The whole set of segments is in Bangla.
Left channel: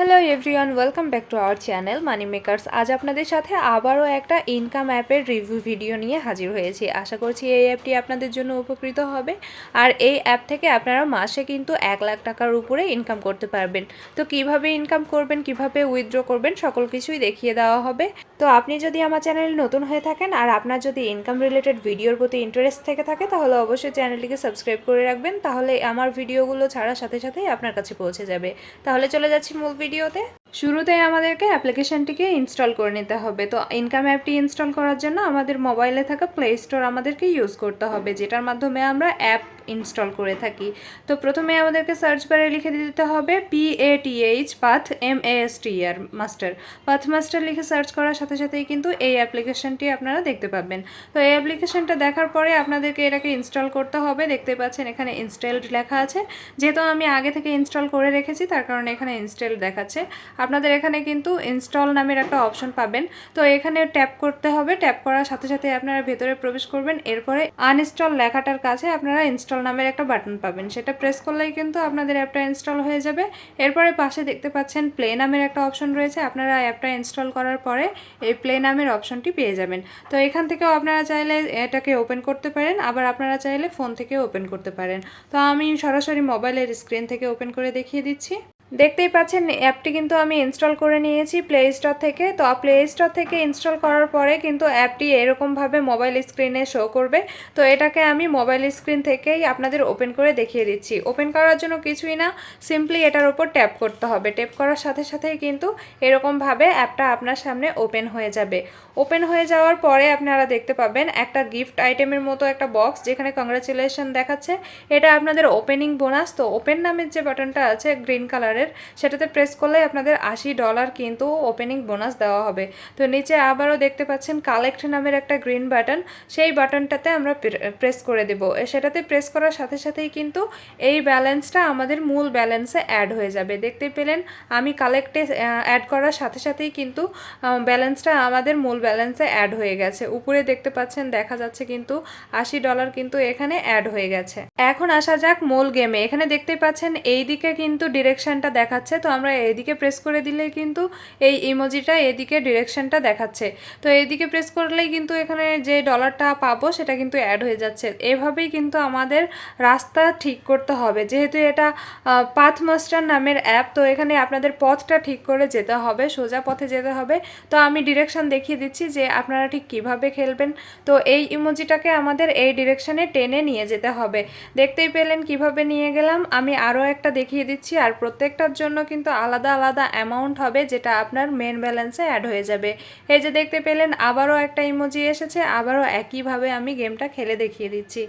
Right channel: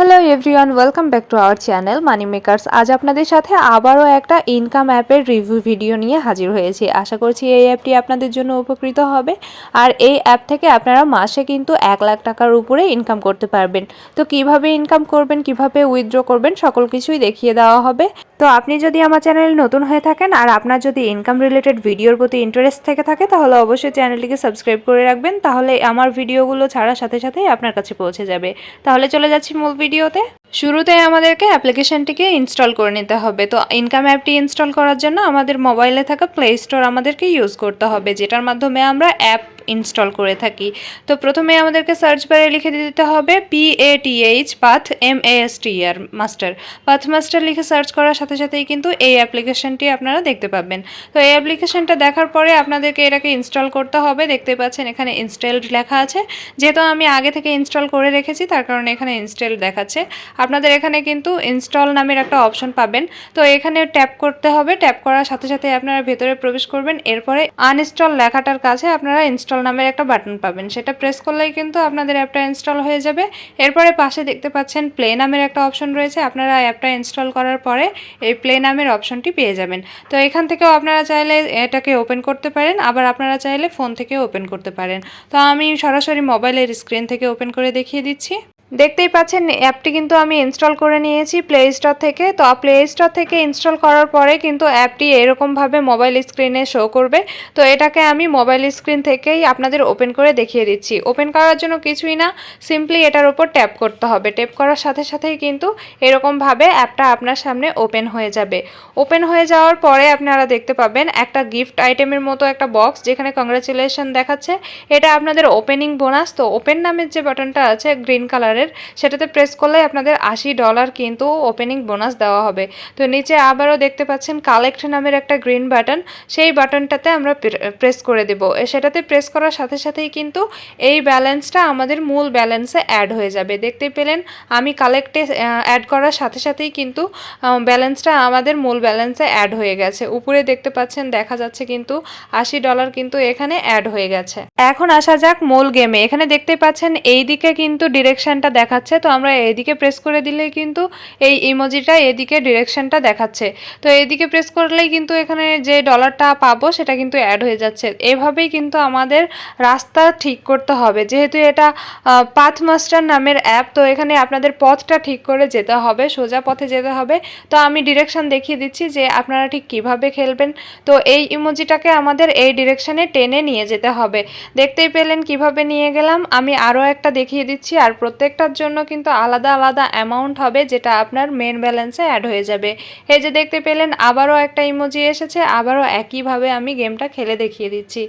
Hello everyone, welcome back to our channel money makers. আজ আপনাদের সাথে আবারও একটা ইনকাম অ্যাপের রিভিউ ভিডিও নিয়ে হাজির হয়েছি। আশা করছি এই অ্যাপটি আপনাদের জন্য উপকৃত হবে। আর এই অ্যাপ থেকে আপনারা মাসে কিন্তু 1,00,000 টাকার উপরে ইনকাম করতে পারবেন। তো কিভাবে ইনকাম করবেন, কিভাবে উইথড্র করবেন, সকল কিছুই দেখিয়ে দেওয়া হবে। তো আপনি যদি আমার চ্যানেলে নতুন হয়ে থাকেন আর আপনার যদি ইনকাম রিলেটেড ভিডিওর প্রতি ইন্টারেস্ট থেকে থাকে তাহলে অবশ্যই চ্যানেলটিকে সাবস্ক্রাইব করে রাখবেন, তাহলে আমার ভিডিওগুলো ছাড়ার সাথে সাথেই আপনার কাছে পৌঁছে যাবে। তাহলে চলে যাচ্ছি মূল ভিডিওতে। শুরুতে আমাদেরকে অ্যাপ্লিকেশনটিকে ইনস্টল করে নিতে হবে। তো ইনকাম অ্যাপটি ইনস্টল করার জন্য আমাদের মোবাইলে থাকা প্লে স্টোর আমাদেরকে ইউজ করতে হবে, যেটার মাধ্যমে আমরা অ্যাপ ইনস্টল করে থাকি। তো প্রথমে আমাদেরকে সার্চ বারে লিখে দিতে হবে PATH path MASTER master. Path master লিখে সার্চ করার সাথে সাথেই কিন্তু এই অ্যাপ্লিকেশনটি আপনারা দেখতে পাবেন। তো এই অ্যাপ্লিকেশনটা দেখার পরে আপনাদেরকে এটাকে ইনস্টল করতে হবে। দেখতে পাচ্ছেন এখানে ইনস্টলড লেখা আছে, যেহেতু আমি আগে থেকে ইনস্টল করে রেখেছি তার কারণে এখানে ইনস্টল দেখাচ্ছে। আপনাদের এখানে কিন্তু ইনস্টল নামের একটা অপশন পাবেন। তো এখানে ট্যাপ করতে হবে। ট্যাপ করার সাথে সাথে আপনারা ভেতরে প্রবেশ করবেন। এরপরে আনইনস্টল লেখাটার কাছে আপনারা ইনস্টল নামের একটা বাটন পাবেন, সেটা প্রেস করলেই কিন্তু আপনাদের অ্যাপটা ইনস্টল হয়ে যাবে। এরপরে পাশে দেখতে পাচ্ছেন প্লে নামের একটা অপশন রয়েছে। আপনারা অ্যাপটা ইনস্টল করার পরে এই প্লে নামের অপশনটি পেয়ে যাবেন। তো এখান থেকেও আপনারা চাইলে এটাকে ওপেন করতে পারেন, আবার আপনারা চাইলে ফোন থেকে ওপেন করতে পারেন। তো আমি সরাসরি মোবাইলের স্ক্রিন থেকে ওপেন করে দেখিয়ে দিচ্ছি। দেখতেই পাচ্ছেন অ্যাপটি কিন্তু আমি ইনস্টল করে নিয়েছি প্লে স্টোর থেকে। তো প্লে স্টোর থেকে ইনস্টল করার পরে কিন্তু অ্যাপটি এরকমভাবে মোবাইল স্ক্রিনে শো করবে। তো এটাকে আমি মোবাইল স্ক্রিন থেকেই আপনাদের ওপেন করে দেখিয়ে দিচ্ছি। ওপেন করার জন্য কিছুই না, সিম্পলি এটার উপর ট্যাপ করতে হবে। ট্যাপ করার সাথে সাথেই কিন্তু এরকমভাবে অ্যাপটা আপনার সামনে ওপেন হয়ে যাবে। ওপেন হয়ে যাওয়ার পরে আপনারা দেখতে পাবেন একটা গিফট আইটেমের মতো একটা বক্স, যেখানে কংগ্রাচুলেশন দেখাচ্ছে। এটা আপনাদের ওপেনিং বোনাস। তো ওপেন নামের যে বাটনটা আছে গ্রিন কালারের, সেটাতে প্রেস করলে আপনাদের $80 কিন্তু ওপেনিং বোনাস দেওয়া হবে। তো নিচে আবারও দেখতে পাচ্ছেন কালেক্ট নামের একটা গ্রিন বাটন, সেই বাটনটাতে আমরা প্রেস করে দেব। সেটাতে প্রেস করার সাথে সাথেই কিন্তু এই ব্যালেন্সটা আমাদের মূল ব্যালেন্সে অ্যাড হয়ে যাবে। দেখতে পেলেন আমি কালেক্টে অ্যাড করার সাথে সাথেই কিন্তু ব্যালেন্সটা আমাদের মূল ব্যালেন্সে অ্যাড হয়ে গেছে। উপরে দেখতে পাচ্ছেন দেখা যাচ্ছে কিন্তু $80 কিন্তু এখানে অ্যাড হয়ে গেছে। এখন আসা যাক মূল গেমে। এখানে দেখতে পাচ্ছেন এই দিকে কিন্তু ডিরেকশনটা দেখাচ্ছে। তো আমরা এইদিকে প্রেস করে দিলেই কিন্তু এই ইমোজিটা এদিকে ডিরেকশনটা দেখাচ্ছে। তো এইদিকে প্রেস করলেই কিন্তু এখানে যে ডলারটা পাবো সেটা কিন্তু অ্যাড হয়ে যাচ্ছে। এভাবেই কিন্তু আমাদের রাস্তা ঠিক করতে হবে, যেহেতু এটা পাথ মাস্টার নামের অ্যাপ। তো এখানে আপনাদের পথটা ঠিক করে যেতে হবে, সোজা পথে যেতে হবে। তো আমি ডিরেকশন দেখিয়ে দিচ্ছি যে আপনারা ঠিক কিভাবে খেলবেন। তো এই ইমোজিটাকে আমাদের এই ডিরেকশনে টেনে নিয়ে যেতে হবে। দেখতেই পেলেন কিভাবে নিয়ে গেলাম। আমি আরও একটা দেখিয়ে দিচ্ছি। আর প্রত্যেকটার জন্য কিন্তু আলাদা আলাদা অ্যামাউন্ট হবে, যেটা আপনার মেন ব্যালেন্সে অ্যাড হয়ে যাবে। এই যে দেখতে পেলেন আবারও একটা ইমোজি এসেছে। আবারও একইভাবে আমি গেমটা খেলে দেখিয়ে দিচ্ছি।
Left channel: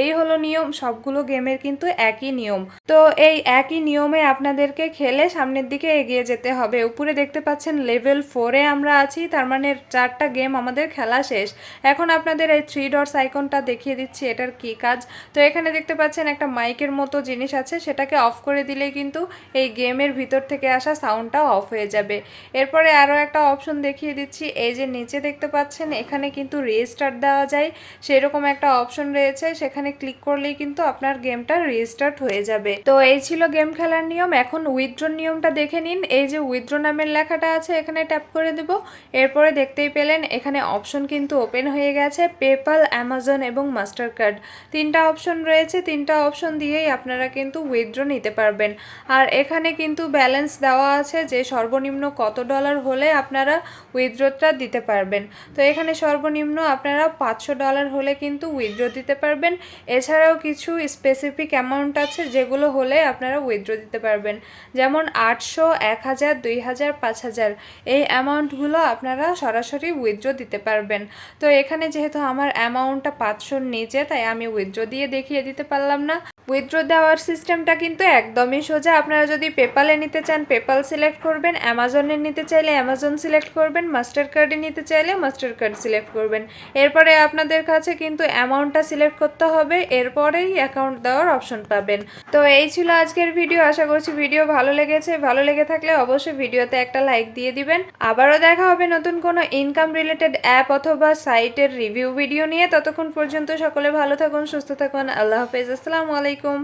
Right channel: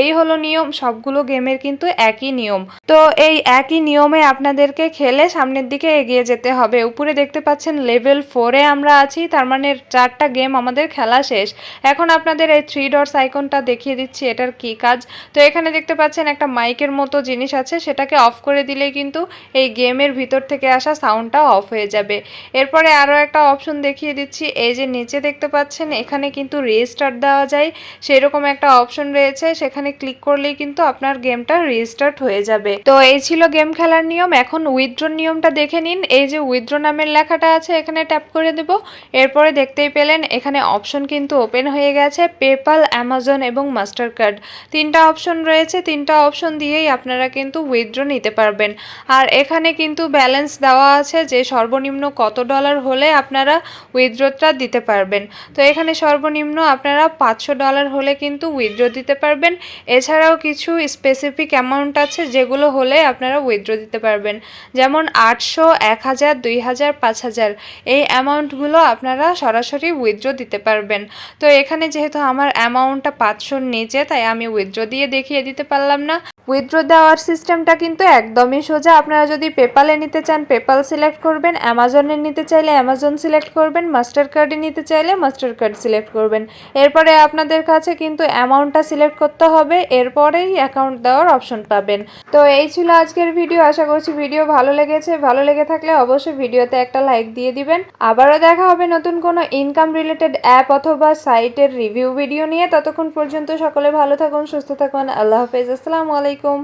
এই হলো নিয়ম, সবগুলো গেমের কিন্তু একই নিয়ম। তো এই একই নিয়মে আপনাদেরকে খেলে সামনের দিকে এগিয়ে যেতে হবে। উপরে দেখতে পাচ্ছেন লেভেল 4-এ আমরা আছি, তার মানে 4টা গেম আমাদের খেলা শেষ। এখন আপনাদের এই 3 ডটস আইকনটা দেখিয়ে দিচ্ছি এটার কি কাজ। তো এখানে দেখতে পাচ্ছেন একটা মাইকের মতো জিনিস আছে, সেটাকে অফ করে দিলেই কিন্তু এই গেমের ভিতর থেকে আসা সাউন্ডটা অফ হয়ে যাবে। এরপরে আরও একটা অপশন দেখিয়ে দিচ্ছি। এই যে নিচে দেখতে পাচ্ছেন এখানে কিন্তু রিস্টার্ট দেওয়া যায়, সেরকম একটা অপশন রয়েছে। সেখানে ক্লিক করলেই কিন্তু আপনার গেমটা রিস্টার্ট হয়ে যাবে। তো এই ছিল গেম খেলার নিয়ম। এখন উইথড্র নিয়মটা দেখে নিন। এই যে উইথড্র নামের লেখাটা আছে এখানে ট্যাপ করে দেব। এরপরে দেখতেই পেলেন এখানে অপশন কিন্তু ওপেন হয়ে গেছে। পেপ্যাল, অ্যামাজন এবং মাস্টার কার্ড 3টা অপশন রয়েছে। 3টা অপশন দিয়েই আপনারা কিন্তু উইথড্র নিতে পারবেন। আর এখানে কিন্তু ব্যালেন্স দেওয়া আছে যে সর্বনিম্ন কত ডলার হলে আপনারা উইথড্রটা দিতে পারবেন। তো এখানে সর্বনিম্ন আপনারা $500 হলে কিন্তু উইথড্র দিতে পারবেন। এছাড়াও কিছু স্পেসিফিক অ্যামাউন্ট আছে যেগুলো হলে আপনারা উইথড্র দিতে পারবেন, যেমন 800, 1000, 2000, 5000 এই অ্যামাউন্টগুলো আপনারা সরাসরি উইথড্র দিতে পারবেন। তো এখানে যেহেতু আমার অ্যামাউন্টটা 500-র নিচে, তাই আমি উইথড্র দিয়ে দেখিয়ে দিতে পারলাম না। উইথড্র দেওয়ার সিস্টেমটা কিন্তু একদমই সোজা। আপনারা যদি পেপালে নিতে চান পেপাল সিলেক্ট করবেন, অ্যামাজনে নিতে চাইলে অ্যামাজন সিলেক্ট করবেন, মাস্টার কার্ডে নিতে চাইলে মাস্টার কার্ড সিলেক্ট করবেন। এরপরে আপনাদের কাছে কিন্তু অ্যামাউন্টটা সিলেক্ট করতে হবে, এরপরেই অ্যাকাউন্ট দেওয়ার অপশন পাবেন। তো এই ছিল আজকের ভিডিও। আশা করছি ভিডিও ভালো লেগেছে। ভালো লেগে থাকলে অবশ্যই ভিডিওতে একটা লাইক দিয়ে দিবেন। আবারও দেখা হবে নতুন কোনো ইনকাম রিলেটেড অ্যাপ অথবা সাইটের রিভিউ ভিডিও নিয়ে। ততক্ষণ পর্যন্ত সকলে ভালো থাকুন, সুস্থ থাকুন। আল্লাহ হাফেজ। আসসালামু আলাইকুম।